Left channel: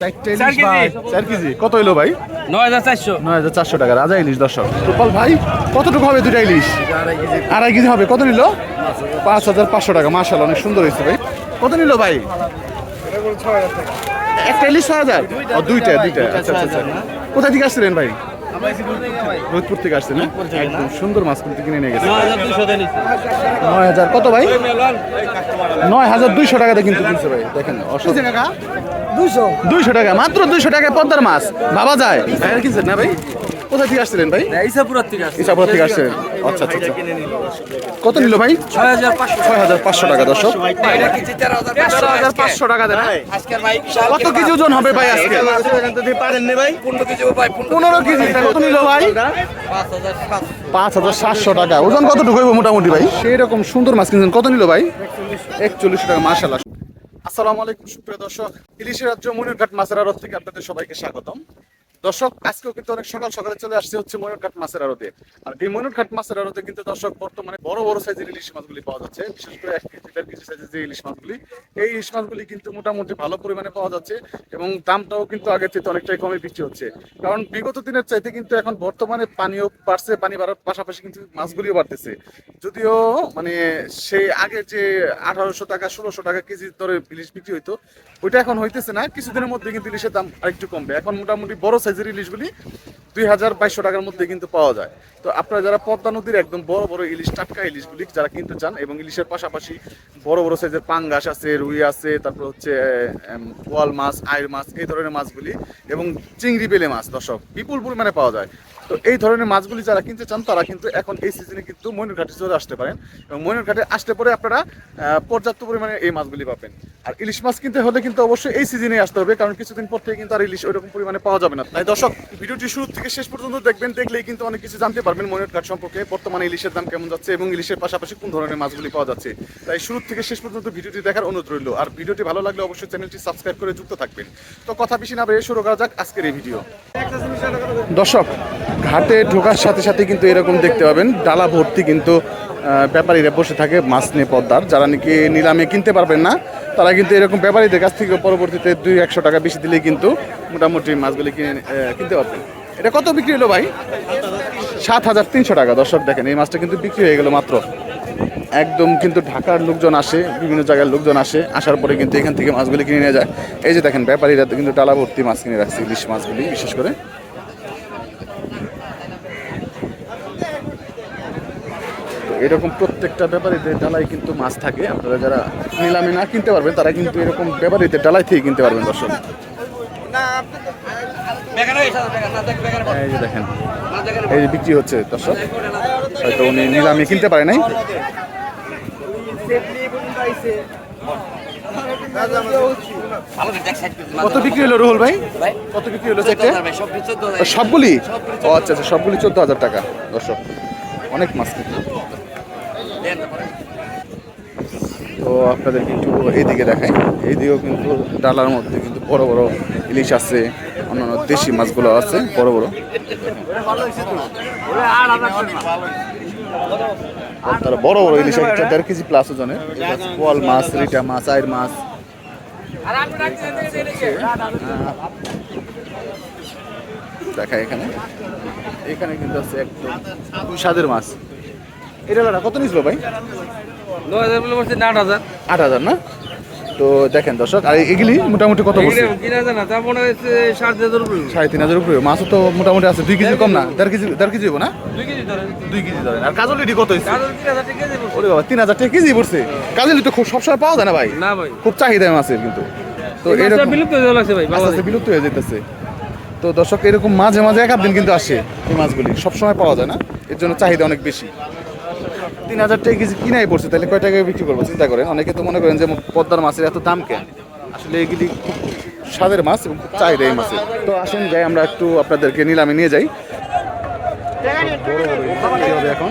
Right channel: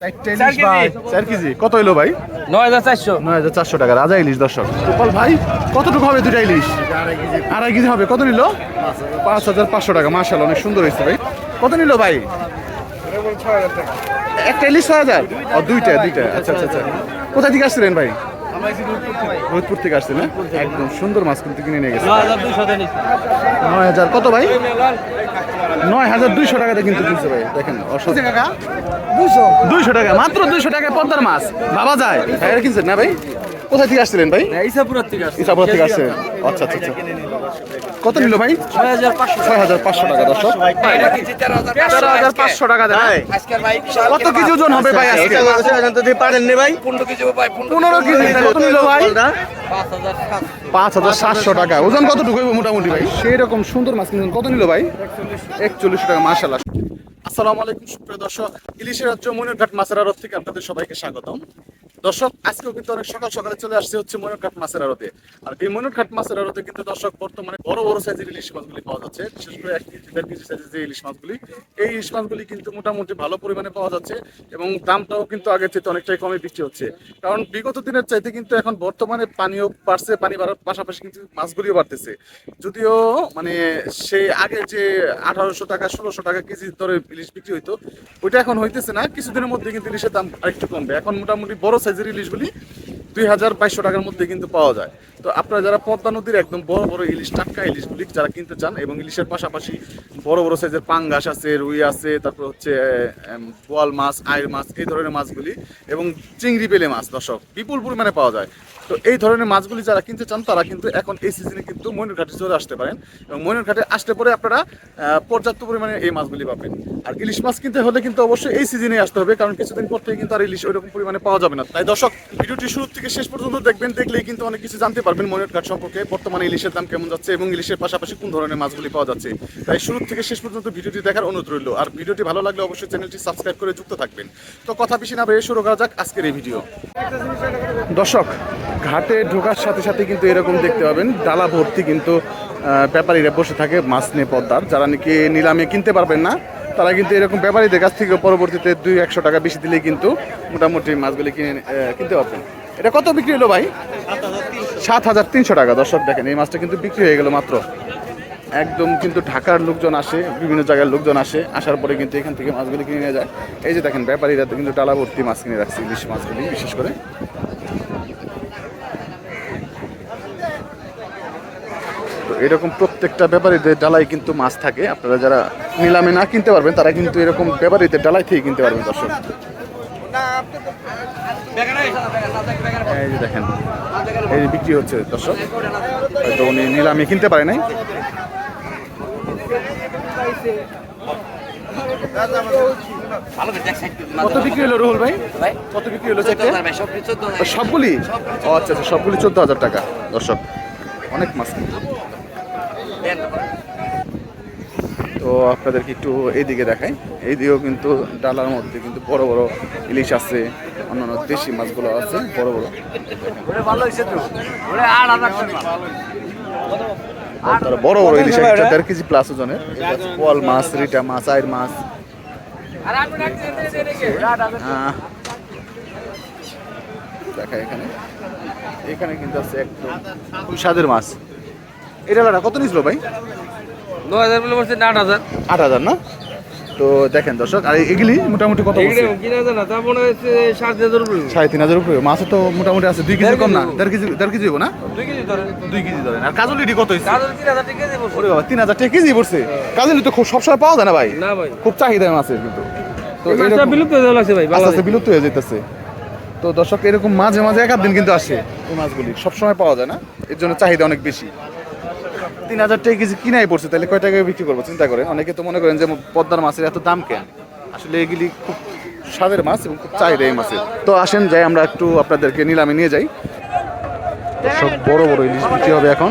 চারটে ইলিশ ভাই। চার কেজি। কত হইল ভাই? নয় হাজার চারশো। নয় হাজার চারশো টাকা রাজা ইলিশ দর্শক। গোপাল ভাই কতটুকু হবে দুটা ইলিশ? আড়াই কেজি হবে। কত নিল? পাঁচ হাজার পাঁচশো টাকা। মার্শাল অনেক সুন্দর হয়েছে ভাই। কত নিল ভাই? একটা ইলিশ ছয় হাজার? ও দুইটা দুইটা। আচ্ছা আচ্ছা আচ্ছা। কোথা থেকে আসছিলেন ভাই? রোহিতপুর থেকে আসছেন না? একদম সুন্দর মাছ কিন্তু কিনে নিয়ে গেছে। নয় হাজার। কত ভাই? নয় হাজার দুইশো টাকাতে কিন্তু কিনছে ভাই দেখেন দুইশো টাকা? মাত্র দুইশো টাকায় পদ্মার মাছ। ভাবা যায়। ভাইয়ের কিনছেন না ভাই? কোথা থেকে আসছিলেন ভাই? ইসাপুরার থেকে আসছে ইসাপুর থেকে আসছেন। আচ্ছা আচ্ছা আচ্ছা। কত নিল ভাই? ছয় হাজার পাঁচশো টাকা। দর্শক। তেরো হাজার পাঁচশো টাকা দেন হ্যাঁ? কত কেজি ওজন হবে ভাই আজকে? পনেরো কেজি ভাই পনেরো কেজি। কত নিল ভাই? পাঁচ হাজার সাতশো। টাকা। ওজন কতটুকু হইব মোটামুটি ভাই? সেই রকম সুন্দর মাছ কিনছেন। কত নিল ভাই? একচল্লিশ টাকা মার্শাল্লাহ আসসালামু আলাইকুম সুপ্রিয় দর্শক। ইলিশের রাজ্য মনিরঘাট মাছের আড়ত থেকে আপনাদের সবাইকে স্বাগতম। দর্শক, আজকেও কিন্তু অনেক সকাল সকালে চলে আসছে হচ্ছে ময়ূরঘাট মাছের আড়তে। আর এই ময়ূরঘাট মাছের আড়তে কিন্তু দর্শক, বর্তমানে বড় বড় সাইজের ইলিশ মাছগুলি পাওয়া যাচ্ছে। বিশেষ করে এক কেজি, দেড় কেজি সাইজের যে ইলিশ মাছগুলি, এই ইলিশ মাছগুলি কিন্তু মোটামুটি ভালো পরিমাণে পাওয়া যাচ্ছে এবং দামটাও কিন্তু আগের থেকে অনেকটাই কমে বিক্রি হচ্ছে। কারণ বিগত দিনের চাইতে কিন্তু এখন বর্তমানে পানিও বাড়ছে, পানি বাড়ার পাশাপাশি কিন্তু মাছগুলিও বাড়তেছে। যদিও মানে সেই আগে যে আঠারোশো টাকা, ষোলোশো টাকা কেজি দরে ইলিশ বিক্রি হইতো, ওইটা এখন হইতেছে না। কিছুদিনের মধ্যে কিন্তু ইলিশের দাম আরেকটু কমবে। এখন মোটামুটি বড় সাইজের ইলিশগুলি দুই হাজার বাইশশো টাকার মধ্যে কিন্তু পাওয়া যায়। তো আপনারা যারা পদ্মা নদীর একদম বড় বড় ইলিশ, টাটকা ইলিশগুলি যারা কিনতে চান এবং ইলিশের পাশাপাশি বড় বড় সাইজের পাঙ্গাস আছে, রুই আছে, তারপর হচ্ছে বোয়াল মাছ আয়ের মাছ, এই ধরনের মাছগুলি এবং চিংড়ি বেলে মাছ, দর্শক, বিপুল পরিমাণে পাওয়া যায়। তো এই ধরনের মাছগুলি যারা কিনতে চান, তারা কিন্তু এখন এই সিজনে কিন্তু ময়ূরঘাটে চলে আসতে পারেন এবং ময়ূরঘাটে আসলে পরে আপনারা পর্যাপ্ত পরিমাণে এই মাছগুলি পাবেন। আর ইলিশ মাছ কিনতে হলে কিন্তু অবশ্যই এই সিজনে আসতে হবে, কারণ কিছুদিন পর থেকে কিন্তু আর ইলিশ ওইরকম পরিমাণে পাওয়া যাবে না। তাই দর্শক, ভিডিওটি শুরু থেকে শেষ পর্যন্ত দেখবেন, দেখলেই কিন্তু অনেক কিছু জানতে পারবেন। ময়ূরঘাট সম্পর্কে বর্তমানে ইলিশের দাম কেমন যাচ্ছে এবং ইলিশের পাশাপাশি কোন ধরনের মাছগুলি পাওয়া যাচ্ছে? তাই শুরু থেকে শেষ পর্যন্ত ভিডিওটি দেখার অনুরোধ রইল। আর ভিডিওটি ভালো লাগলে অবশ্যই চ্যানেলটি সাবস্ক্রাইব করে যুক্ত থাকবেন। তো কথা বেশি না বেরিয়ে শুরু করা যাক আজকের এই ভিডিও। দর্শক, ঘাটে ঢোকার সাথে সাথে কিন্তু এরকম দেখতে পাবেন, ডালা ভর্তি কিন্তু ব্যাপারীরা বসে থাকে মাছ নিয়ে পদ্মার। যারা নাকি নিলামে কিনতে পারবেন না, তারা কিন্তু এরকম ব্যাপারীদের কাছ থেকে পরবর্তীতে দুই একশো টাকা বেশি দিলেই কিন্তু মোটামুটি মাছগুলি কিনে কিনতে পারবেন। এটা কত বিক্রি হলো ভাই? সাত হাজার তিনশো টাকা। দর্শক দেখেন, এই মাছটা কিন্তু বিক্রি হয়ে গেল মাত্র। একদম কিন্তু ঢাকার লোকজন আসে, বিভিন্ন জায়গার লোকজন আসে, আসার পরে কিন্তু এখান থেকে মাছগুলি কিনে নিয়ে যায়। এই যে দেখেন, ব্যাপারীরা কিন্তু ডালা ভর্তি মাছ কিনে রাখছে, ইলিশ মাছগুলি, বিশেষ করে। তো এরকম প্রত্যেকটা ব্যাপারীদের ডালাই কিন্তু মাছ থাকে। আপনারা যারা নিলামে না কিনতে পারবেন, তারা কিন্তু এরকম ব্যাপারীদের ডালাই থেকে কিনতে পারবেন, দর্শক। এই যে দেখেন এই যে বিক্রি হচ্ছে দর্শক। হয়তো উনি নিলামে কিনতে পারে নাই। কত বিক্রি হলো রুহুল ভাই? কত বিক্রি হলো সবগুলি ও আচ্ছা আচ্ছা সবগুলি চোদ্দ হাজার টাকা দর্শক। অনেক মাছ কিন্তু। তো আপনাদেরকে একটু এইদিকে দেখাই। এইদিকেও কিন্তু ডালার মধ্যে কিন্তু বড় বড় ইলিশ আছে। অন্যান্য দেশি মাছগুলো আছে বড় বড়। তারা বড় বড় ইলিশ একটা দেড় কেজি প্লাস ওজনের। পোয়াল মাছ রিটা মাছ আয়ের মাছ। দেখা এখানে। এখানে কিন্তু আছে একদম খুব স্বাদের মাছ। এটা কত নিছিল ভাই? নয় হাজার। আট হাজার না? তো দেখেন দর্শক আর এগুলি মোটামুটি কত বলছে? সাড়ে তিন হাজার উপরে মাছও তো মোটামুটি আছে দুই কেজি কম না দেড় কেজি দেড় কেজি হব না? দুই কেজি ধরেন। আর কাজলিটি কত হয়েছে ওরে বাবা তিন হাজার টাকা কেজি পড়ছে। কাজলি তো খুব সবসময় পাওয়া যায় না ভাই। না ভাই। খুব চাহিদা মাছের কিন্তু। তো মাছটা বিলুপ্ত হয়ে যাচ্ছে ভাই আস্তে আস্তে বিলুপ্ত হয়ে যেতেছে তো দর্শক এরকম মাঝে মাঝে এক দিন কিন্তু আসে এই মাছগুলি। সবসময় পাওয়া যায় না। এর জন্য চাহিদা অনেক বেশি। তিন হাজার টাকা কেজি কিনাই পড়ছে, তাহলে কয় টাকায় বিক্রি করব? চিন্তা করেন। অনেকে তো মনে করেন যে পদ্মার মাছের এত দাম কেন? আসলে এগুলি খুব স্বাদের মাছ এবং খুব চাহিদা এই মাছের। তো আসেন, যাই, আমরা একটু আপনাদেরকে নিলামে নিয়ে যাই। সব বড় বড় হবে এখন।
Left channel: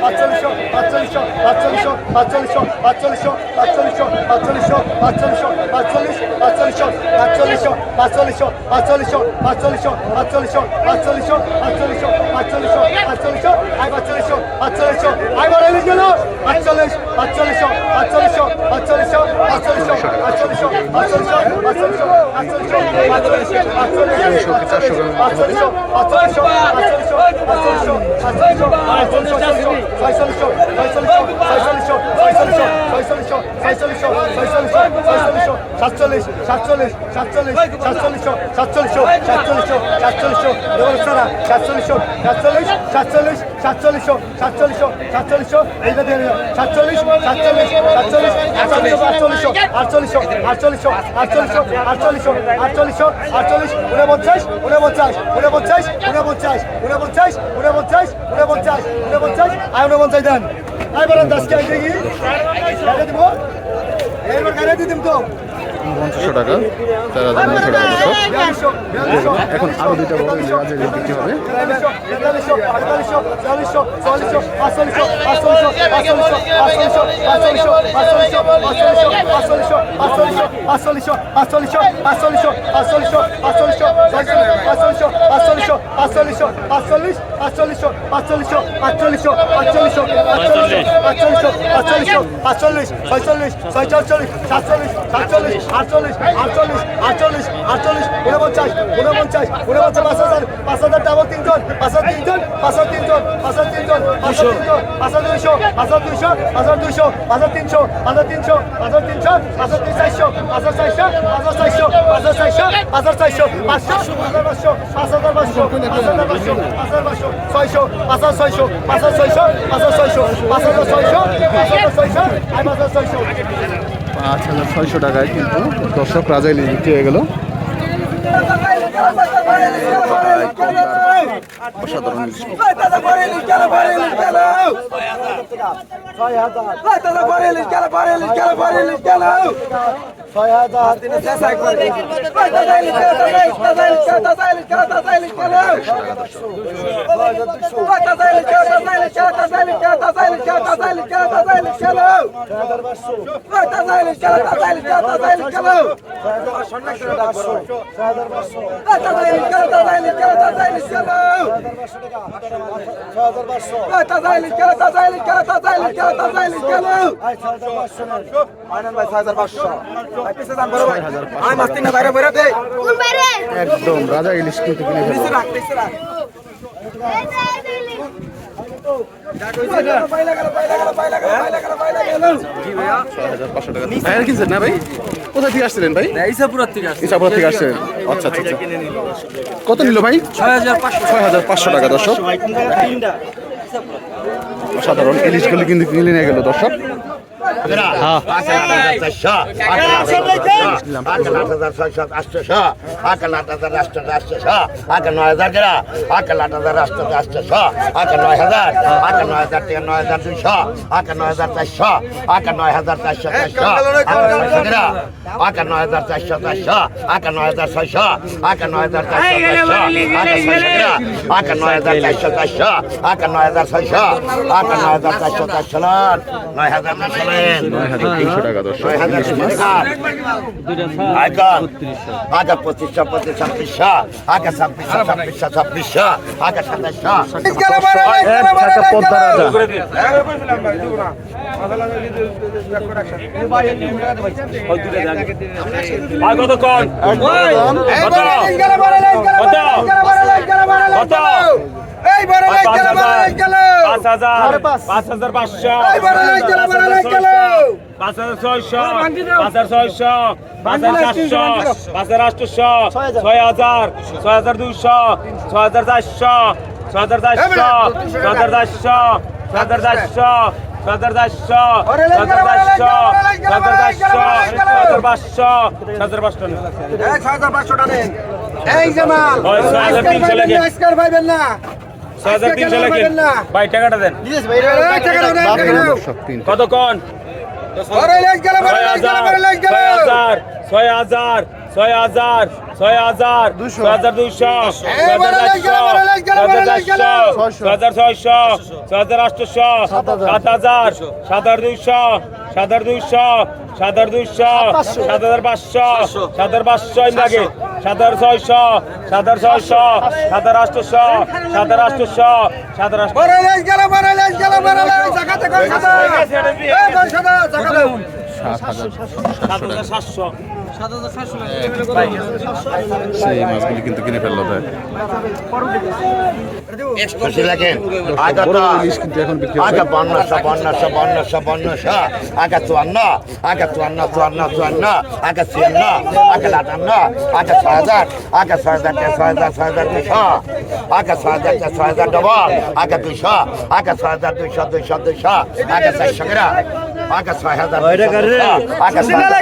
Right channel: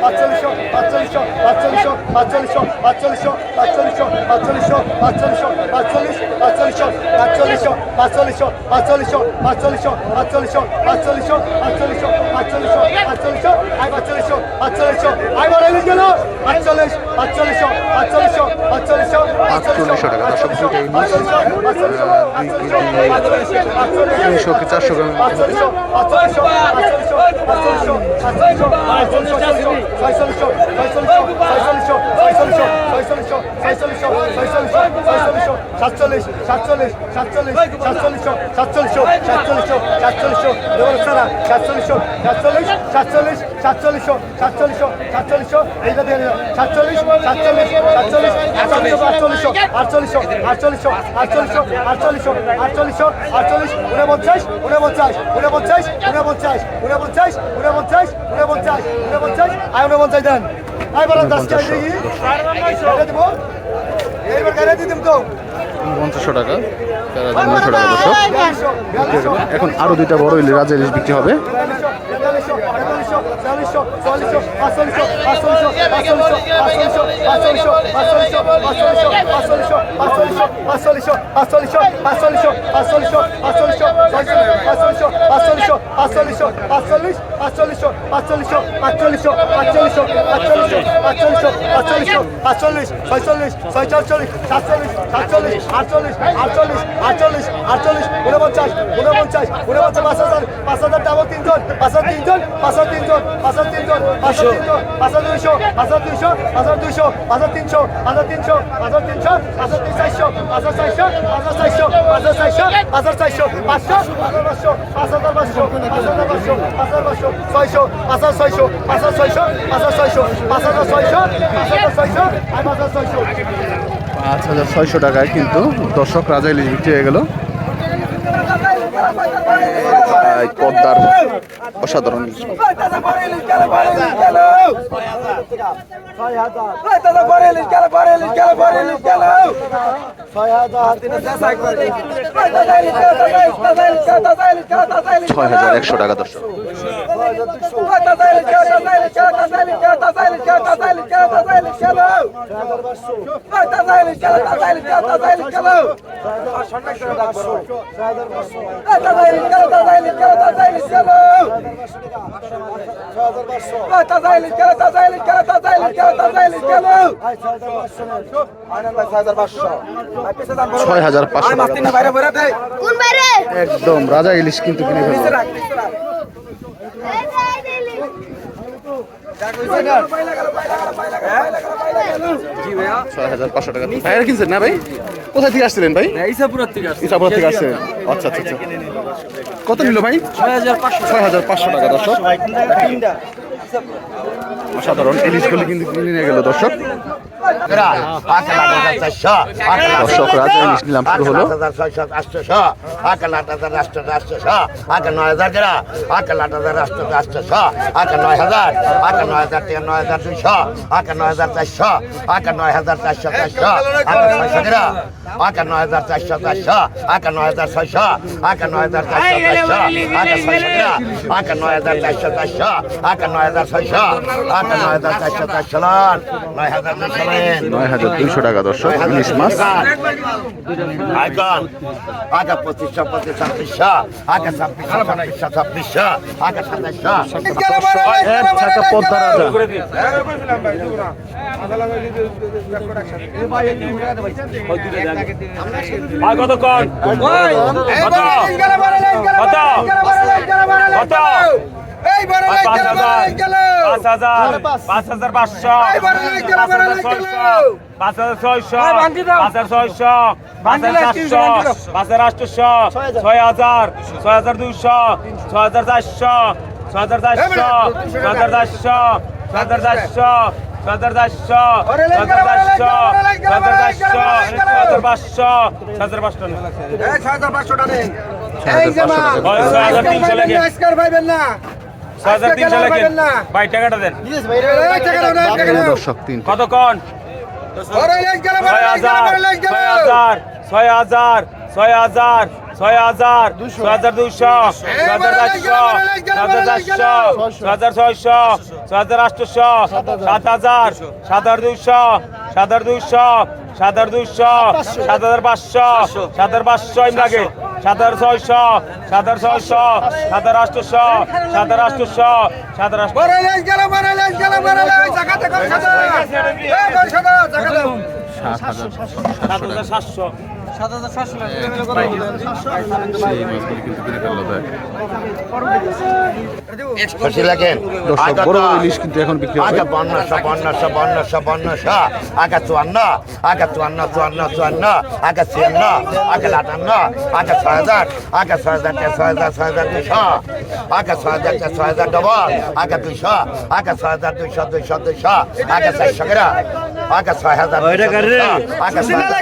পাঁচচল্লিশশো পাঁচচল্লিশশো পাঁচচল্লিশশো পাঁচচল্লিশশো পাঁচচল্লিশশো পাঁচচল্লিশশো পাঁচচল্লিশশো পাঁচচল্লিশশো পাঁচচল্লিশ পাঁচচল্লিশশো পাঁচচল্লিশশো পাঁচচল্লিশশো পাঁচচল্লিশশো পাঁচচল্লিশশো পাঁচচল্লিশশো পাঁচচল্লিশশো পাঁচচল্লিশশো পাঁচচল্লিশশো পাঁচচল্লিশশো আই পাঁচচল্লিশশো পাঁচচল্লিশশো আই বাড়াইলে গেল পাঁচচল্লিশ পাঁচচল্লিশশো পাঁচচল্লিশশো পাঁচচল্লিশশো পাঁচচল্লিশশো পাঁচচল্লিশশো পাঁচচল্লিশশো পাঁচচল্লিশশো পাঁচচল্লিশশো পাঁচচল্লিশশো পাঁচচল্লিশশো পাঁচচল্লিশশো পাঁচচল্লিশশো পাঁচচল্লিশশো পাঁচচল্লিশশো পাঁচচল্লিশশো পাঁচচল্লিশশো সাতচল্লিশ সাতচল্লিশ সাতচল্লিশ সাতচল্লিশ সাতচল্লিশ সাতচল্লিশ সাতচল্লিশ দেবস্থারা সাতচল্লিশ সাতচল্লিশ সাতচল্লিশ সাতচল্লিশ সাতচল্লিশ সাতচল্লিশ এইটা দিয়ে সাতচল্লিশ সাতচল্লিশ সাতচল্লিশ আটচল্লিশ আটচল্লিশ আটচল্লিশ আটচল্লিশ আটচল্লিশ আটচল্লিশ আটচল্লিশ উনপঞ্চাশ উনপঞ্চাশ উনপঞ্চাশ উনপঞ্চাশ উনপঞ্চাশ উনপঞ্চাশ উনপঞ্চাশ উনপঞ্চাশ আয় উনপঞ্চাশ দেন। আয় বলেন দশ। টাকা দেখি দিব এইবার কেন দিতাম তো। পঞ্চাশশো টাকা চার হাজার নয়শো টাকা দর্শক হয়ে। এখন আরও দুইটা বড় ইলিশ রাজা ইলিশ বিক্রি হবে আটচল্লিশ ছয়চল্লিশ ছয়চল্লিশ সাতচল্লিশ সাতচল্লিশ আটচল্লিশ আটচল্লিশ আটচল্লিশ আটচল্লিশ উনপঞ্চাশ উনপঞ্চাশ উনপঞ্চাশ পাঁচ হাজার পাঁচ হাজার ডাবল তিনজন পাঁচ হাজার তিনজন পাঁচ হাজার তিনজন পাঁচ হাজার তিনজন পাঁচ হাজার তিনজন পাঁচ হাজার দুইশো পাঁচ হাজার দুইশো পাঁচ হাজার দুইশো পাঁচ হাজার তিনশো পাঁচ হাজার তিনশো পাঁচ হাজার তিনশো পাঁচ হাজার তিন চারশো পাঁচ হাজার চারশো পাঁচ হাজার চারশো পাঁচ হাজার চারশো পাঁচ হাজার চারশো পাঁচশো পাঁচ হাজার পাঁচশো পাঁচ হাজার পাঁচশো পাঁচ হাজার পাঁচশো ছয়শো পাঁচ আর পাঁচ হাজার পাঁচ হাজার ছয়শো টাকায় কিন্তু দর্শক রাজা ইলিশ বিক্রি হয়ে গেল পদ্মার অসাধারণ। ছয় হাজার ছয় হাজার একশো টাকা দর্শক ছয় হাজার পাঁচশো টাকা কোন বাইরে একদম, রাজা ইলিশ কিন্তু কিনে ফেলব। ছয় হাজার পাঁচশো টাকা। কিনছেন না ভাই? কোথায় আচ্ছা আচ্ছা আচ্ছা। কত নিল ভাই? ছয় হাজার পাঁচশো ছয় হাজার পাঁচশো টাকা, দর্শক। অসাধারণ। ইলিশগুলি কিন্তু কিনে নিয়ে গেল, দর্শক। নয় হাজার দুইশো নয় নয় হাজার দুইশো টাকা দর্শক। ইলিশ মাছ। আইকন আগে পঁচিশশো পঁচিশ ছাব্বিশশো আগে ছাব্বিশশো ছাব্বিশশো আগে সাতাশশো পদ্মা রাজা। কত কম এই বড় লাইট গেল বড় লাইট গেল 5000 5500 এই বড় লাইট গেল বড় লাইট গেল 5600 5600 5700 5800 6000 6200 6400 6400 6400 6400 এই জামাল আজকাল ভাইবেন না ভাই টাকাটা দেন। দর্শক তিন কত কোন বড় লেজ গেল বড় ছয় হাজার ছয় হাজার। ছয় হাজার ছয় হাজার হাজার দুশো গেল। ছয় হাজার ছয়শো ছয় হাজার আটশোশো সাত হাজার সাত হাজার দুশো সাত হাজার দুশো সাত হাজার দুশো সাত হাজার পাঁচশো সাত হাজার পাঁচশো ইন্দাকে সাত হাজার ছয়শো সাত হাজার ছয়শো সাত হাজার সাত হাজার হাজার আটশো সাত হাজার সাত হাজার সাতশো সেই মাছগুলি কিন্তু কিনে ফেলল ভাই খুশি লাগেন বড় বড় ইলিশ কিন্তু এখন বিক্রি হবে। আগে বন্নশো বন্নশো বন্নশো বন্নশো আগে চুয়ান্ন আগে চুয়ান্ন চুয়ান্ন চুয়ান্ন আগে ছিয়ান্ন আগে আটান্ন আগে ছয় হাজার আগে ছয় হাজার ছয় হাজার ছয় হাজার দুশো আগে ছয় হাজার ছয় হাজার ডবল আগে দুশো আগে ছয় হাজার দুইশো দুইশো দুইশো আগে চারশো গ্রা ছয় হাজার আগে আগে ছয় হাজার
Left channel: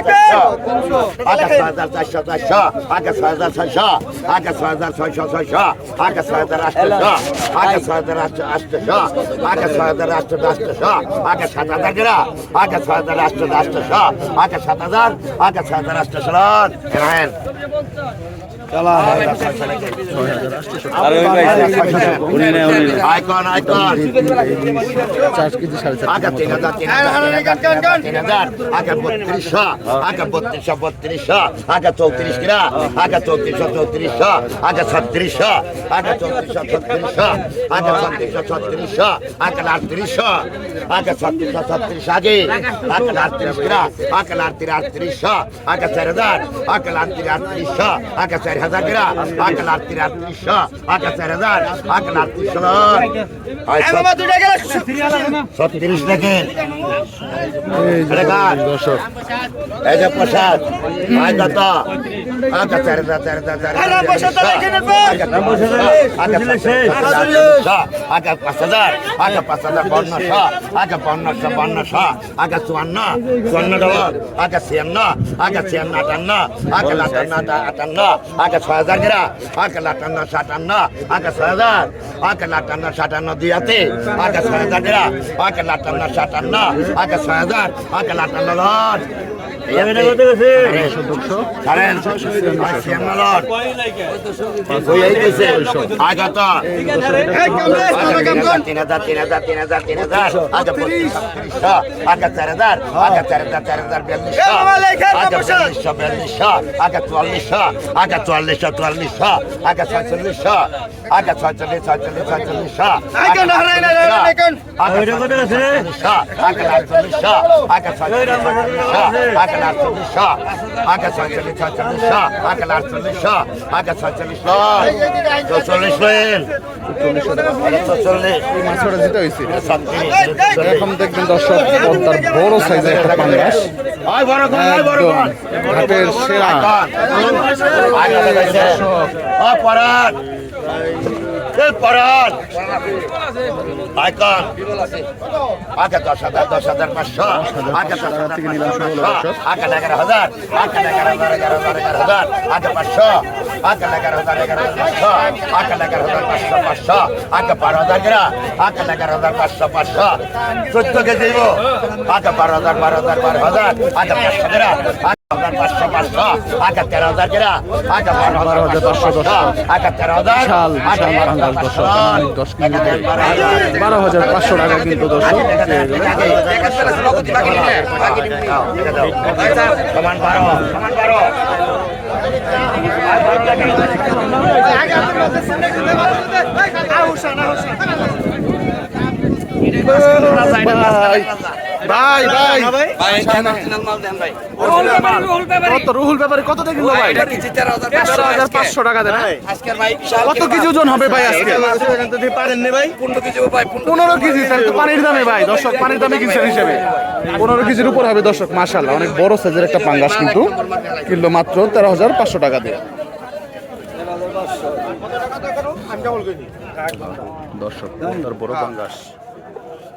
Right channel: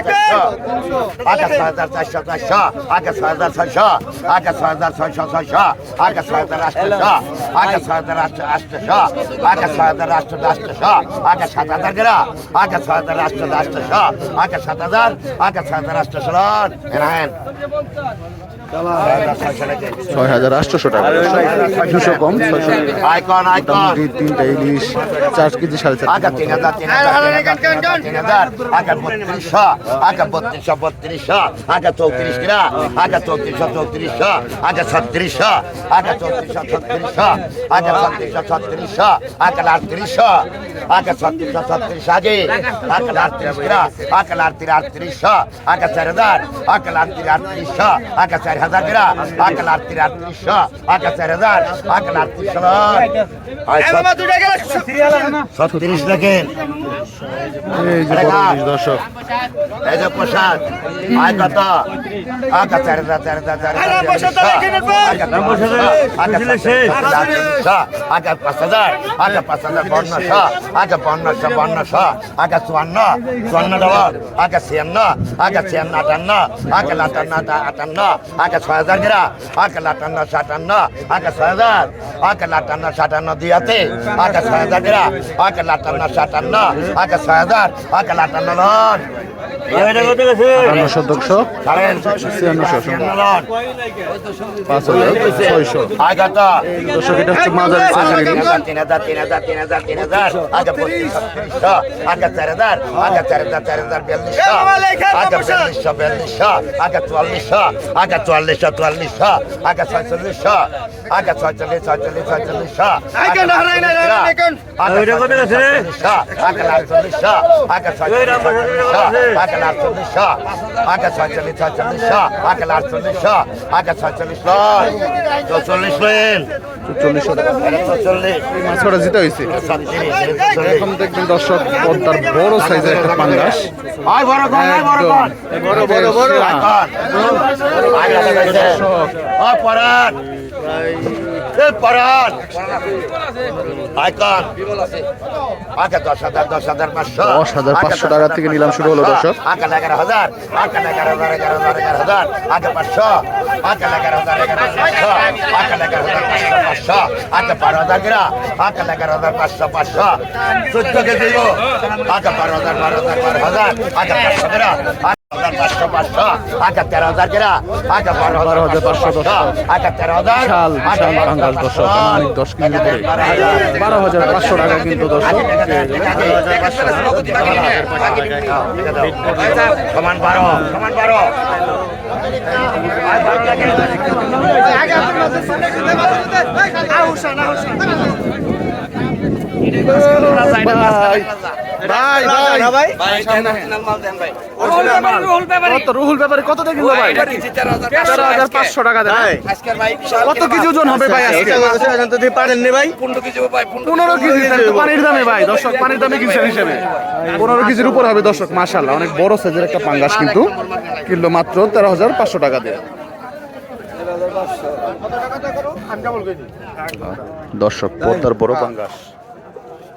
চারশো চারশো আগে ছয় হাজার ছয়শো আগে ছয় হাজার ছয়শো ছয়শো ছয় হাজার আটশো ছয় হাজার আটশো আটশো ছয় হাজার আটশো আটশো আগে সাত হাজার গ্রা ছয় হাজার আটশো আটশো আগে সাত হাজার আগে হাজার আটশো লন হ্যাঁ ছয় হাজার আটশোশো টাকা। কম ছয়শো আইকন মোটামুটি তিনটা ইলিশ চার কেজি সাড়ে চার বত্রিশশো আগে বত্রিশশো বত্রিশশো। আগে চৌত্রিশ কিরা। আগে চৌত্রিশশো চৌত্রিশশো। আগে ছত্রিশশো। আগে চৌত্রিশশো ছত্রিশশো। আগে ছত্রিশশো ছত্রিশশো। আগে আটত্রিশশো। আগে ছত্রিশশো ছত্রিশ আগে। আগে আটত্রিশ কিরা। আগে আটত্রিশ আটত্রিশশো। আগে চার হাজার। আগে আটত্রিশ আটত্রিশশো। আগে চার হাজার কিরা আগে আটত্রিশ আটত্রিশশো আগে চার হাজার দেখেন এই যে বড় ইলিশ দর্শক এই যে প্রসাদ আয় কত আগে চার হাজার চার হাজার চার হাজার পাঁচ হাজার আগে পাঁচ হাজার পনেরোশো আগে পনেরোশো পনেরোশো আগে চুয়ান্ন চুয়ান্ন ডবল আগে ছিয়ান্ন আগে ছিয়ান্ন আটান্ন আগে লাটান্ন আটান্ন আগে ছয় হাজার গিরা, আগে লাটান্ন, সাতান্ন, আগে ছয় হাজার, আগে লাটান্ন, সাতান্ন দুই হাতে আগে ছয় হাজার গিরা, আগে লাটান্ন, সাতান্ন, আগে ছয় হাজার, আগে লাটান্ন আটান্নশো দুশো ছিয়ান্নশো ছিয়ান্ন ছয়চল্লিশশো আগে ছয়চল্লিশ ছয়চল্লিশ আটচল্লিশশো আগে ছয়চল্লিশশো আগে আটচল্লিশশো আগে ছয়চল্লিশ টাকা চল্লিশ এই মাছটা যেটা হয়েছে এখন দেখবেন দর্শক পদ্মার বড় সাইজের একটা পাঙ্গাস একদম হাতের সেরা। আয় দাদা গাইছে দর্শক ও পরান এই পরান আয় কর আগে দশ হাজার দশ হাজার পাঁচশো। দশ হাজার পাঁচশো টাকা থেকে নিলাম শুরু হলো দর্শক। আগে এগারো হাজার আগে এগারো হাজার এগারো হাজার এগারো হাজার আগে পাঁচশো। আগে এগারো হাজার এগারো হাজার পাঁচশো। আগে এগারো হাজার পাঁচশো পাঁচশো। আগে বারো হাজার গিরা। আগে এগারো হাজার পাঁচশো পাঁচশো। চোদ্দ কেজি আগে বারো হাজার বারো হাজার বারো হাজার। পাঁচশো গিরা। বারো হাজার পাঁচশো তেরো হাজার বিশাল পাঙ্গাস দর্শক অনেক দশ কেজি। উপরে বারো হাজার পাঁচশো টাকা কিন্তু দর্শক পেয়ে গেলেন। ভাই ভাই। রুহুল ব্যাপারে কত দিয়ে কিনলো ভাই? তেরো হাজার পাঁচশো টাকা দেন হ্যাঁ? কত কেজি ওজন হবে ভাই আজকে? পনেরো কেজি স্যার তো পানির দামে ভাই দর্শক পানির দামে কিনছেন হিসেবে। পনেরো কেজির উপর হবে দর্শক মাশাল্লাহ অনেক বড় সাইজের একটা পাঙ্গাস কিন্তু। কিনলো মাত্র তেরো হাজার পাঁচশো টাকা দিয়ে। দর্শক পদ্মার বড় পাঙ্গাস।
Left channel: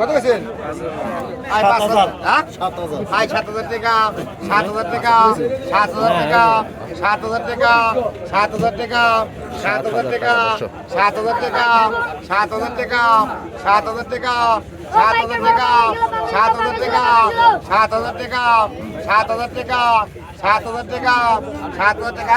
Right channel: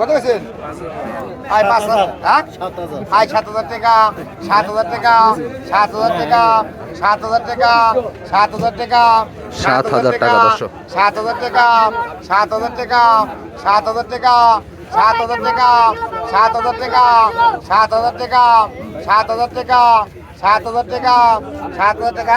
কত হয়েছেন আয় পাঁচ হাজার হ্যাঁ আয় সাত হাজার টাকা সাত হাজার টাকা সাত হাজার টাকা সাত হাজার টাকা সাত হাজার টাকা সাত হাজার টাকা দর্শক। সাত হাজার টাকা সাত হাজার টাকা সাত হাজার টাকা সাত হাজার টাকা সাত হাজার টাকা সাত হাজার টাকা সাত হাজার টাকা সাত হাজার টাকা সাত হাজার টাকা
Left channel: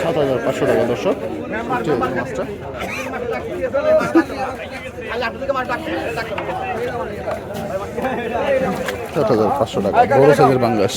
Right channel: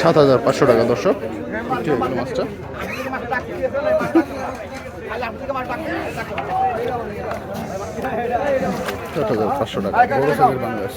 সাত হাজার পাঁচশো টাকা দর্শক। মাছটা সাত হাজার পাঁচশো টাকা বড় সাইজের বাংলাদেশ।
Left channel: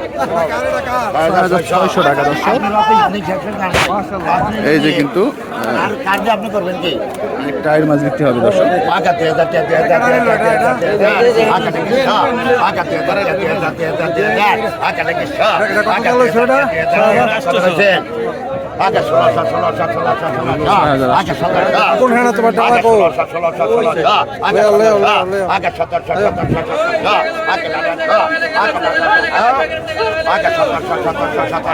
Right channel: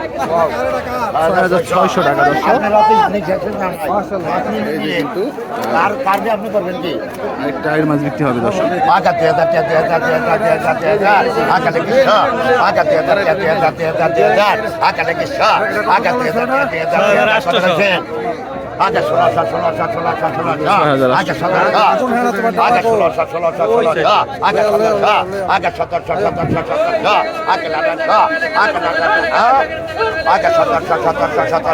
ছয় হাজার ছয়শো টাকা দর্শক এই যে কিন্তু টাইর মাছ বিক্রি হবে দর্শক আকাটে আচ্ছা ষোলো সাত ষোলো সাত ষোলো সাত ষোলো সাত আচ্ছা সতেরো সাত ষোলো সাত ষোলো সাত ষোলো সাত আচ্ছা সতেরো সাত আচ্ছা সতেরো সাত সতেরো সাত সতেরো সাত আচ্ছা লাগান সাত আচ্ছা লাগান সাত আচ্ছা সতেরো সাত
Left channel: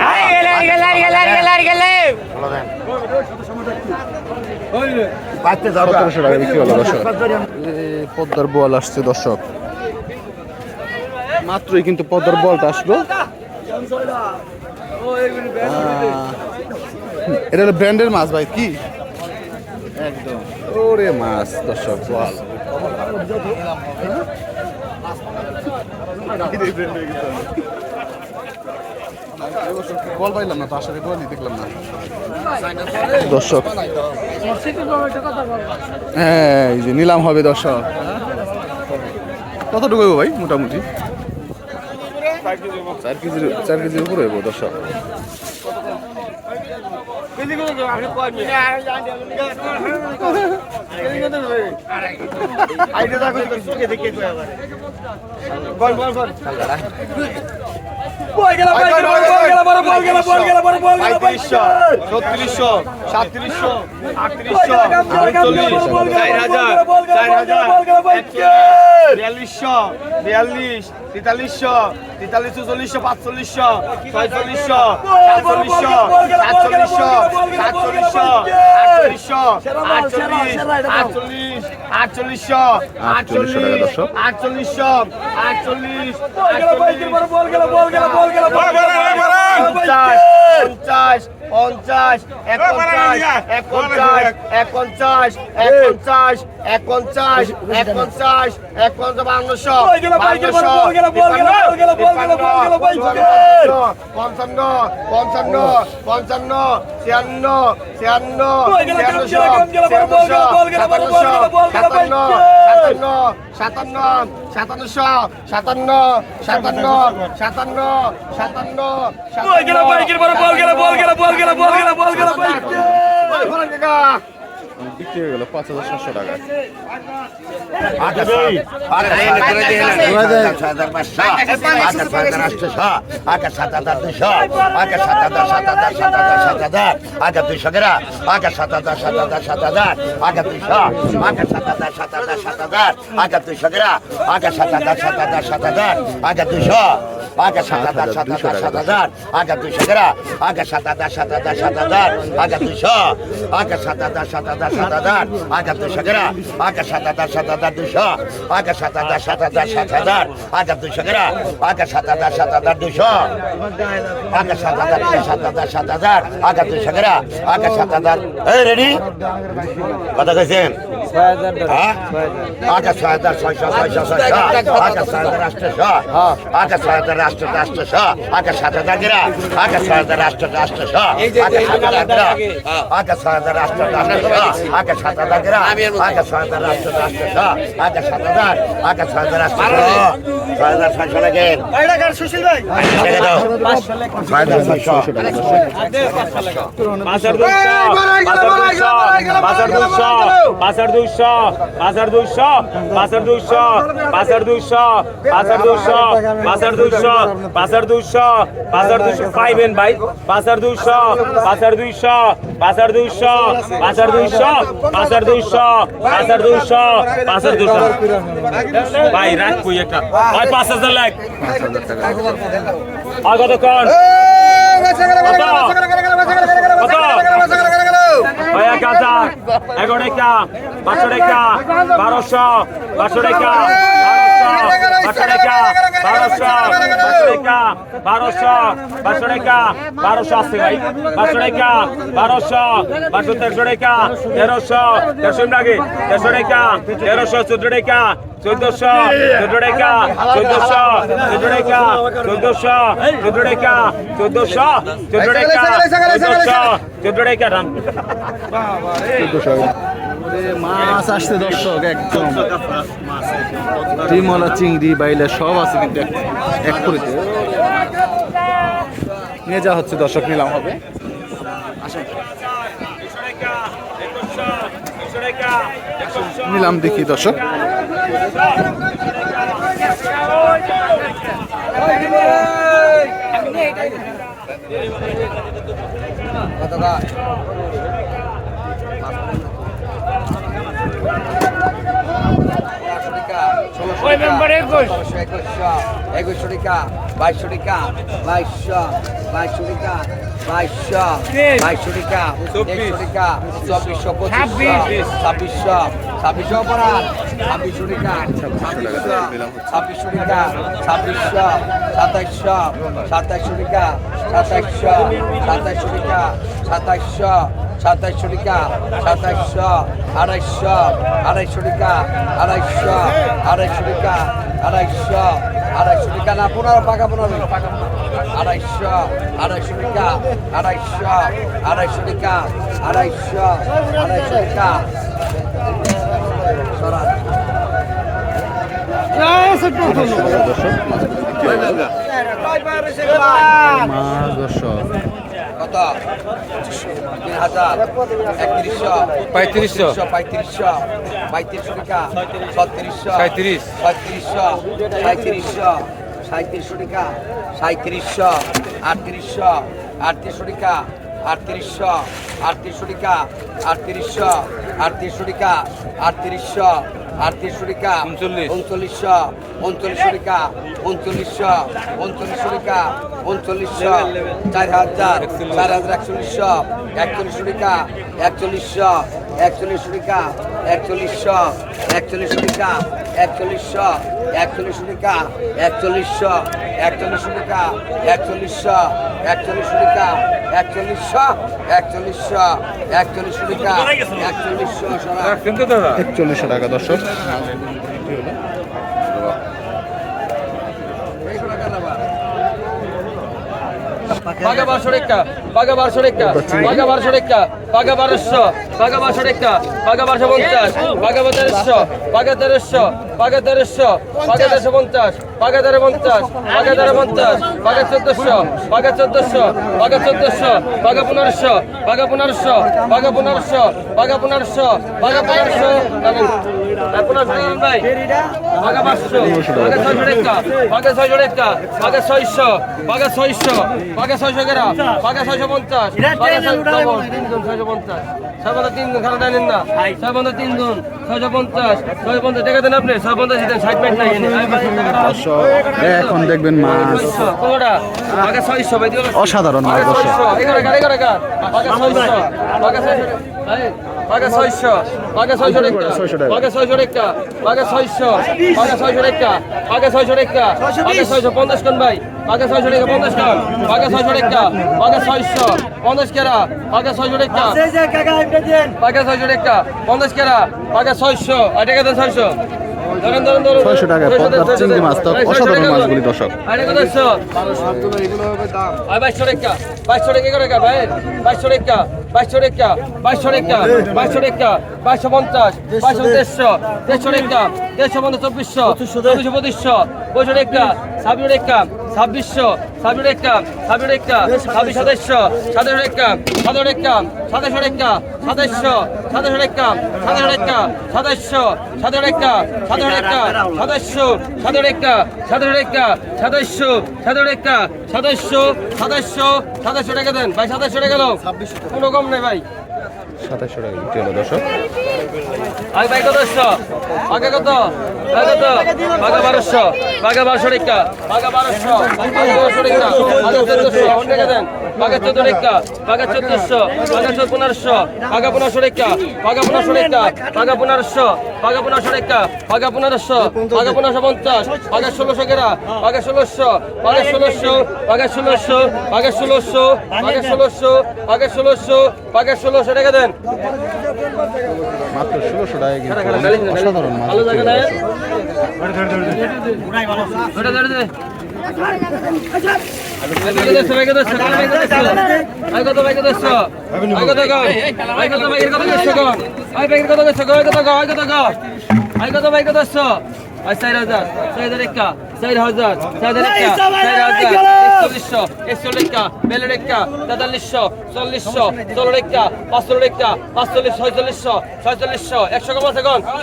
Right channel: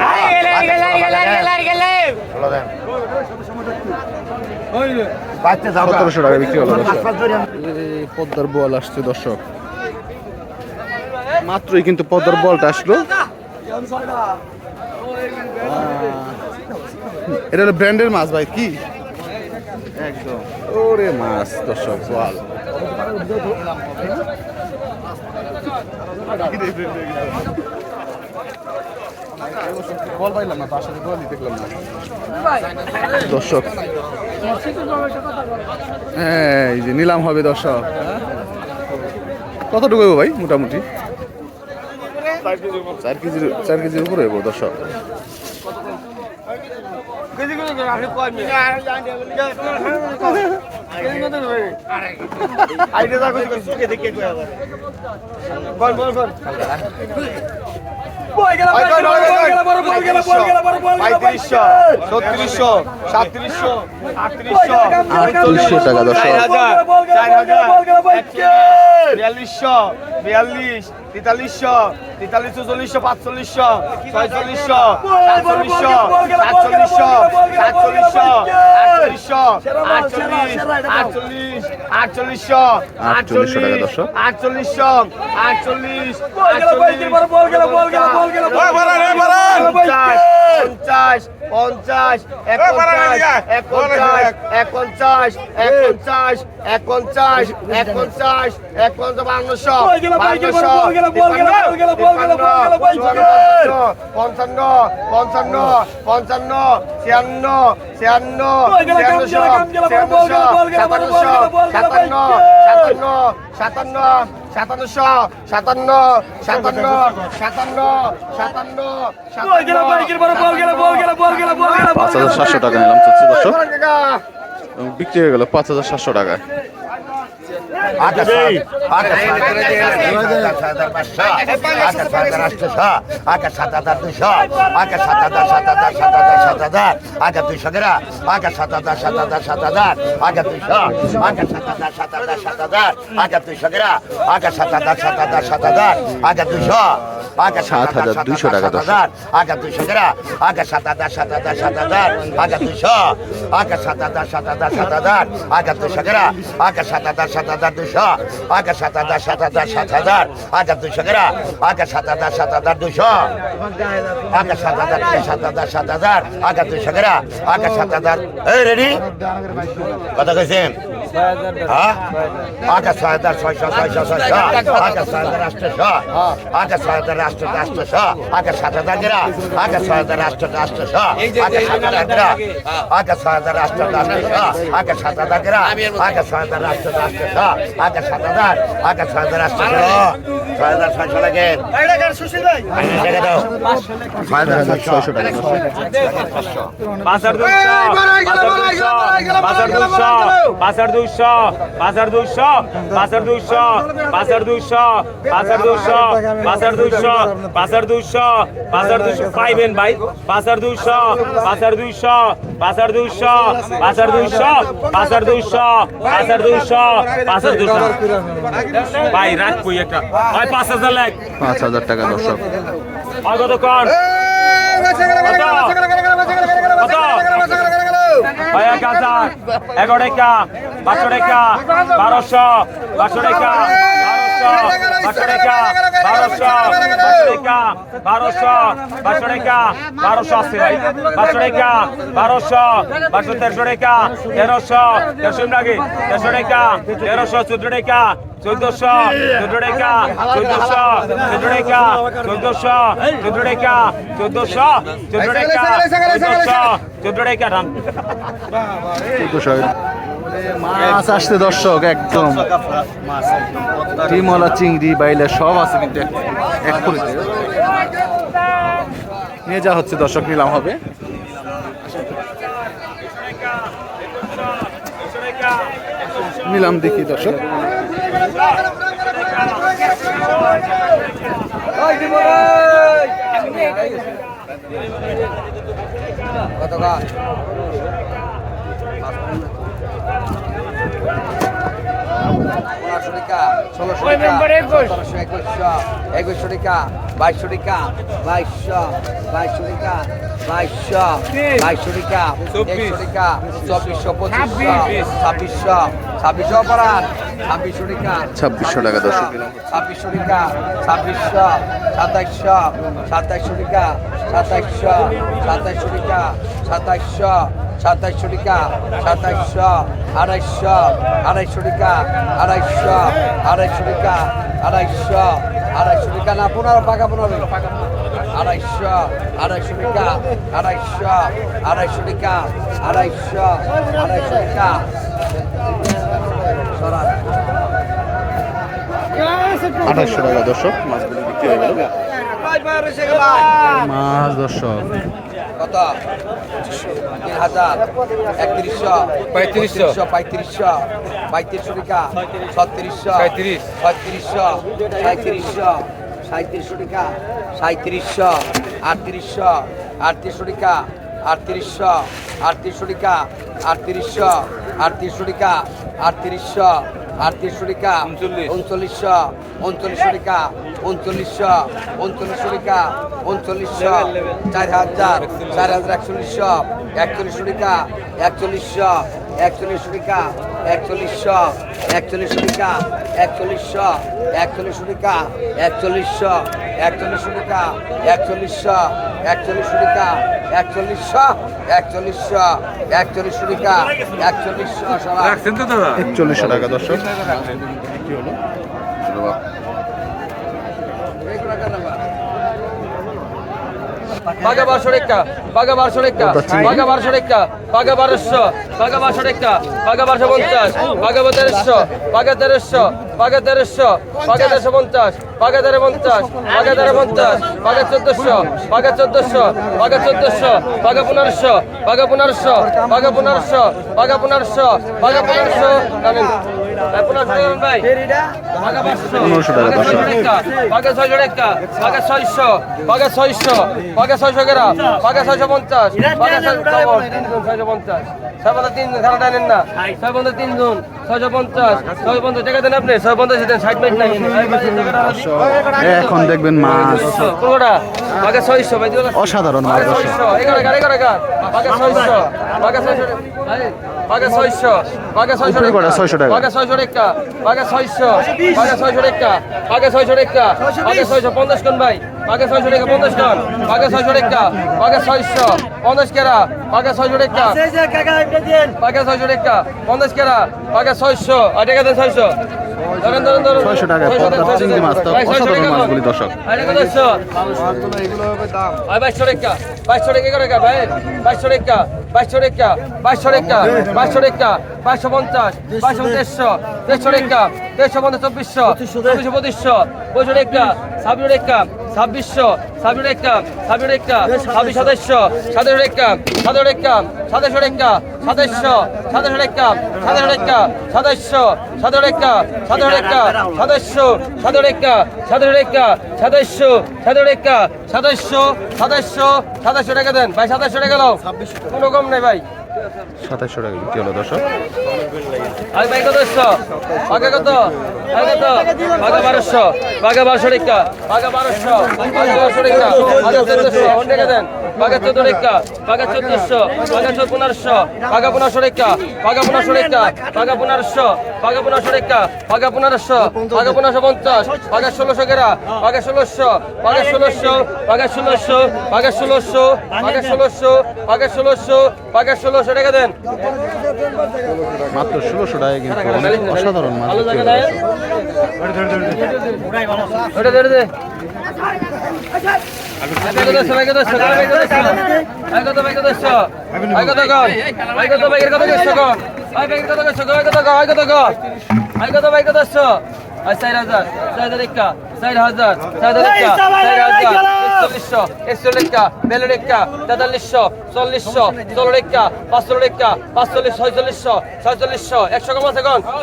পদ্মার বল আসছে দর্শক মাত্রই কিন্তু পদ্মার বলটা আসলো এটা হলো ব্র্যান্ডের মাছ ভাই, কি? একদম। ওরে মাছ দর্শক বল। দর্শক হ্যাঁ এই যে নিলাম হবে দর্শক। কতটুকু ভাই, মোটামুটি? চার কেজির চার কেজির উপরে দর্শক। আইডিয়া দেখো দেখে আবার বল বল বল পঁয়ত্রিশশো ছত্রিশশো সাতত্রিশশো আটত্রিশশো আটত্রিশশো টাকা দর্শক চার হাজার বিয়াল্লিশশো বিয়াল্লিশ তেতাল্লিশশো তেতাল্লিশশো চল্লিশশো পাঁচচল্লিশশো ছয়চল্লিশশো সাতচল্লিশশো সাতচল্লিশশো সাতচল্লিশশো আটচল্লিশশো আটচল্লিশ আটচল্লিশ আটচল্লিশশো আটচল্লিশশো টাকা দর্শক। আটচল্লিশশো আটচল্লিশ পঞ্চাশ পঞ্চাশ পঞ্চাশ এক পঞ্চাশ এক পঞ্চাশ এক পঞ্চাশ এক পঞ্চাশ এক পঞ্চাশ এক পঞ্চাশ এক পঞ্চাশ বাংলাশো বাংলাশো পঞ্চান্ন পঞ্চান্ন পঞ্চান্ন ছিয়ান্ন ছিয়ান্ন ছিয়ান্নশো ছিয়ান্নশো সাতান্ন সাতান্ন সাতান্ন সাতান্ন সাতান্ন সাতান্ন সাতান্ন সাতান্ন পাঁচ হাজার সাতশো টাকা নিলাম টাকা। বিক্রি হয়ে গেল পাঁচ হাজার সাতশো টাকায়। দুশো টাকা দশ হাজার দুশো গ্রা হাজার সাত হাজার সাত হাজার সাত হাজার হাজার দুশো হাজার সাত হাজার সাত হাজার সাত হাজার হাজার দুশো গ্রা হাজার সাত হাজার সাত হাজার দুশো হাজার সাত হাজার সাত হাজার সাত হাজার। হাজার দুশো গেরা হাজার সাত হাজার সাত হাজার দুশো হাজার, সাত হাজার সাত হাজার সাত হাজার। হাজার দুশো গেরা হাজার সাত হাজার। এই রেডি কথা কেছেন আচ্ছা ছয় হাজার, ছয়শো ছয়শো ছয়শো। আচ্ছা ছয় হাজার রাষ্ট্রশো আচ্ছা ছয় হাজার রাষ্ট্র রাষ্ট্রশো আচ্ছা সাত হাজার গেরা আচ্ছা ছয় হাজার রাষ্ট্র রাষ্ট্রশো আচ্ছা সাত হাজার গেরা আটশো আটশোশো আগে সাত হাজার আগে ছয় হাজার আটশোশো ছয় হাজার ছয়শো লাগেন ছয় হাজার ছয়শো টাকা দশ বাজার দুইশো বাজার দুইশো বাজার দুইশো বাজার দুইশো বাজার দুইশো বাজার দুইশো বাজার দুইশো পাইবেন ভাই দুইশো বাজার দুইশো বাজার দুইশো ভাই রাখ কই একটা। ভাই পাঁচ হাজার লাখ। পাঁচ হাজার টাকা দর্শক। আর কতক্ষণ ভাই এক হাজার। এগারো টাকা পাঁচশো টাকা বারোশো পাঁচশো টাকা। বারোশো বারোশো টাকা বারোশো বারোশো আছে ভাই পাঁচশো টাকা বারোশো পাঁচশো তেরোশো টাকা তেরোশো তেরোশো লাগে তেরোশো টাকা তেরোশো চোদ্দ টাকা চোদ্দশো চোদ্দ টাকা চোদ্দশো চোদ্দ টাকা চোদ্দশো চোদ্দ টাকা চোদ্দশো চোদ্দ টাকা চোদ্দশো চোদ্দশো মাছ আসছে দর্শক, একদম। ডিমলা চিংড়ি, বাইলে সব আছে কিন্তু এক- এক নিয়ে যা হচ্ছে দর্শক, নিলাম হবে। নিলাম দেখি দর্শক। একুশশো টাকা বাইশশো টাকা বাইশশো বাইশশো টাকা বাইশশো বাইশশো টাকা একশো টাকা চব্বিশশো পঁচিশশো ছাব্বিশশো ছাব্বিশশো পড়া ছাব্বিশশো টাকা ছাব্বিশশো টাকা ছাব্বিশশো টাকা ছাব্বিশশো সাতাইশশো সাতাইশশো টাকা সাতাইশশো সাতাইশশো টাকা সাতাইশশো সাতাইশশো টাকা সাতাইশশো আড়াইশশো আড়াইশো টাকা আড়াইশশো আড়াইশো টাকা আড়াইশশো আড়াইশো টাকা না পনেরো পাকা পনেরো আড়াইশো আড়াইশো টাকা আড়াইশো আড়াইশো টাকা আড়াইশো আড়াইশো টাকা। সরান। আঠাশশো টাকা দর্শক মাছগুলি বিক্রি হয়ে গেল। মাছ দর্শক। কত তিন হাজার একত্রিশশো পঁয়ত্রিশশো। পঁয়ত্রিশশো পঁয়ত্রিশশো টাকা ছত্রিশশো সাঁত্রিশ ছত্রিশশো সাঁত্রিশশো সাঁত্রিশশো টাকা সাঁত্রিশশো আটত্রিশশো আটত্রিশশো টাকা আটত্রিশশো আটত্রিশশো টাকা আটত্রিশশো আটত্রিশশো টাকা আটত্রিশশো আটত্রিশশো টাকা উনচল্লিশশো উনচল্লিশশো টাকা উনচল্লিশশো উনচল্লিশশো টাকা উনচল্লিশশো চার হাজার চার হাজার একচল্লিশশো একচল্লিশশো টাকা একচল্লিশশো একচল্লিশ টাকা একচল্লিশশো একচল্লিশ টাকা একচল্লিশশো একচল্লিশ টাকা একচল্লিশশো একচল্লিশ টাকা একচল্লিশশো একচল্লিশ টিকা একচল্লিশশো একচল্লিশশো একচল্লিশ টাকা একচল্লিশশো একচল্লিশশো টাকা দর্শক। হলো বাঘা বারশো রেখা বাঘা বারশো রেখা বাঘা বারশো রেখা পাগা বারোশো পাগা বারোশো টাকা পাগা বারোশো পঞ্চাশ পাগা তেরোশো পাগা তেরোশো পাগা তেরোশো পাগা তেরোশো পঞ্চাশ পাগা তেরো পঞ্চাশ পাগা তেরো পঞ্চাশ পাগা চোদ্দশো পাগা চোদ্দশো পাগা চোদ্দশো পাগা পনেরোশো পাগা পনেরোশো পাগা পনেরোশো পাগা পনেরোশো পাগা পনেরোশো পাগা। ছয়শো টাকা পাগা ছয়শো পাগা ছয়শো পাগা ছয়শো গ্রাম পাগা ছয়শো পঞ্চাশ পাগা ছয়শো ছয়শো পঞ্চাশ। ছয় খারাপ জানেন না। ছয় তিন জন ছয়শো পঞ্চাশ। ছয় পঞ্চাশ টাকা দেন আপনি ছয় পঞ্চাশ দেন ষাট মিনিট নাই এখন দেখবেন মাছ। কোনটা? আগে ছয়শো ভাই অসাধারণ মাছ দর্শক। এগারো এগারো এগারো আগে ছয়শো আগে ছয়শো আগে ছয়শো উপরে করে 600 টাকা। আগে ছয়শো টাকা আগে ছয়শো আগে ছয়শো টাকা আগে ছয়শো টাকা আগে ছয়শো পঞ্চাশ কোন ভাই আগে ছয়শো টাকা পঞ্চাশ কোন আগে ছয়শো টাকা আগে ছয়শো পঞ্চাশ কেরা আগে ছয়শো টাকা আগে ছয়শো টাকা পঞ্চাশ কেরা আগে ছয়শো আর টাকা দেন ছয়শো ছয়শো টাকায় পদ্মার চিংড়ি মাছ তো অসাধারণ মাছগুলি দর্শক। দেড়শো পঞ্চাশ দেড়শো দেড়শো রেখা দেড়শো পঞ্চাশ চব্বিশশো পঁচিশশো পঁচিশশো পঁচিশশো রেখা ছাব্বিশ রেখা ছাব্বিশশো ছাব্বিশ একটা ছাব্বিশ একটা ছাব্বিশ সদস্য সাতাশ একটা সাতাশ একটা সাতাশ একটা সাতাশশো সাতাশ একটা সাতাশ একটা সাতাশশো সাতাশ একটা সাতাশ একটা সাতাশশো সাতাশ একটা সাতাশ একটা সাতাশশো সাতাশ একটা সাতাশশো সাতাশশো সাতাশশো টাকা দেন ভাই সাতাশশো টাকা লোক কোনো কম নেই ভাই সাতাশশো টাকা বিক্রি হলো, দর্শক। ভাই আগে আগে বারোশো। আগে বারোশো পনেরোশো। পনেরোশো পঞ্চাশ। ষোলোশো ষোলোশো। ষোলোশো। ষোলোশো। ষোলোশো। ষোলোশো। ষোলোশো। ষোলোশো। টাকা দেন। মাত্র ষোলোশো টাকা কিন্তু অনেক অসাধারণ মাছ বিক্রি দর্শক ওটা ধরে দে। চার হাজার চার হাজার একটা চার হাজার চার হাজার। একটা চার হাজার একচল্লিশশো একচল্লিশটা বেলের একটা তেতাল্লিশশো চল্লিশশো চল্লিশ একটা পাঁচশো একটা পাঁচচল্লিশ ছয়চল্লিশশো ছয়চল্লিশশো একশো কম আছে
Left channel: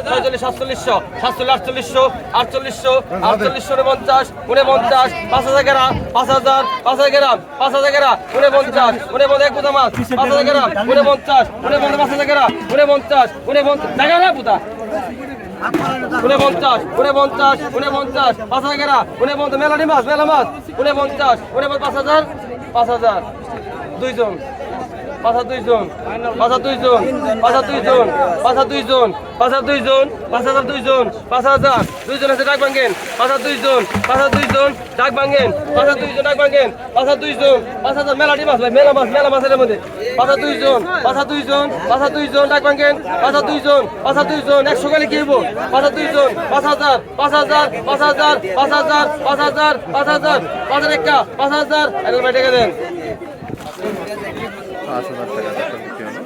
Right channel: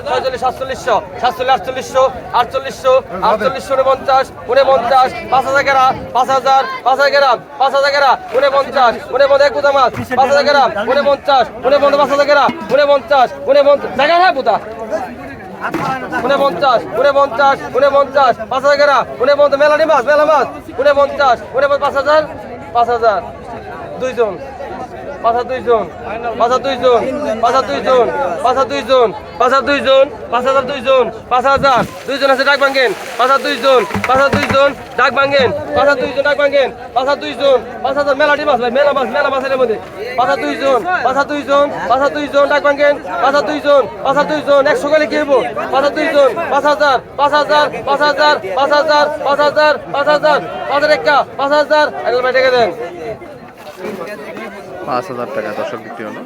ছয়চল্লিশ সাতচল্লিশশো সাতচল্লিশ আটচল্লিশশো আটচল্লিশশো আটচল্লিশশো উনপঞ্চাশ উনপঞ্চাশ পাঁচ হাজার গ্রাম পাঁচ হাজার পাঁচ হাজার গ্রাম পাঁচ হাজার গ্রাম উনপঞ্চাশ উনপঞ্চাশ এক পাঁচ হাজার গ্রাম উনপঞ্চাশ উনপঞ্চাশ পাঁচ হাজার গ্রাম উনপঞ্চাশ উনপঞ্চাশ জায়গা হয় পুতা উনপঞ্চাশ উনপঞ্চাশ উনপঞ্চাশ পাঁচ হাজার গ্রাম উনপঞ্চাশ মেলানি মাছ মেলা মাছ উনপঞ্চাশ উনপঞ্চাশ পাঁচ হাজার পাঁচ হাজার। দুইজন। পাঁচ দুইজন পাঁচ দুইজন পাঁচ দুইজন পাঁচ দুইজন পাঁচ দুইজন পাঁচ হাজার দুইজন পাঁচ হাজার দুইজন আছে ডাক ভাঙ্গেন পাঁচ দুইজন পাঁচ দুইজন ডাক ভাঙ্গেন পাঁচ দুইজন ডাক ভাঙ্গেন পাঁচ দুইজন পাঁচ হাজার মেলাটি মাছ ভাই মেলা মাছ মেলা মাছের মধ্যে পাঁচ দুইজন পাঁচ দুইজন পাঁচ দুইজন ডাক ভাঙ্গেন পাঁচ দুইজন পাঁচ দুইজন একশো গেলে কিনবো পাঁচ দুইজন পাঁচ হাজার পাঁচ হাজার পাঁচ হাজার পাঁচ হাজার পাঁচ হাজার পাঁচ হাজার পাঁচ হাজার একটা পাঁচ হাজার এগারো টাকা দেন পাঁচ হাজার টাকা দর্শক বিক্রি হলো।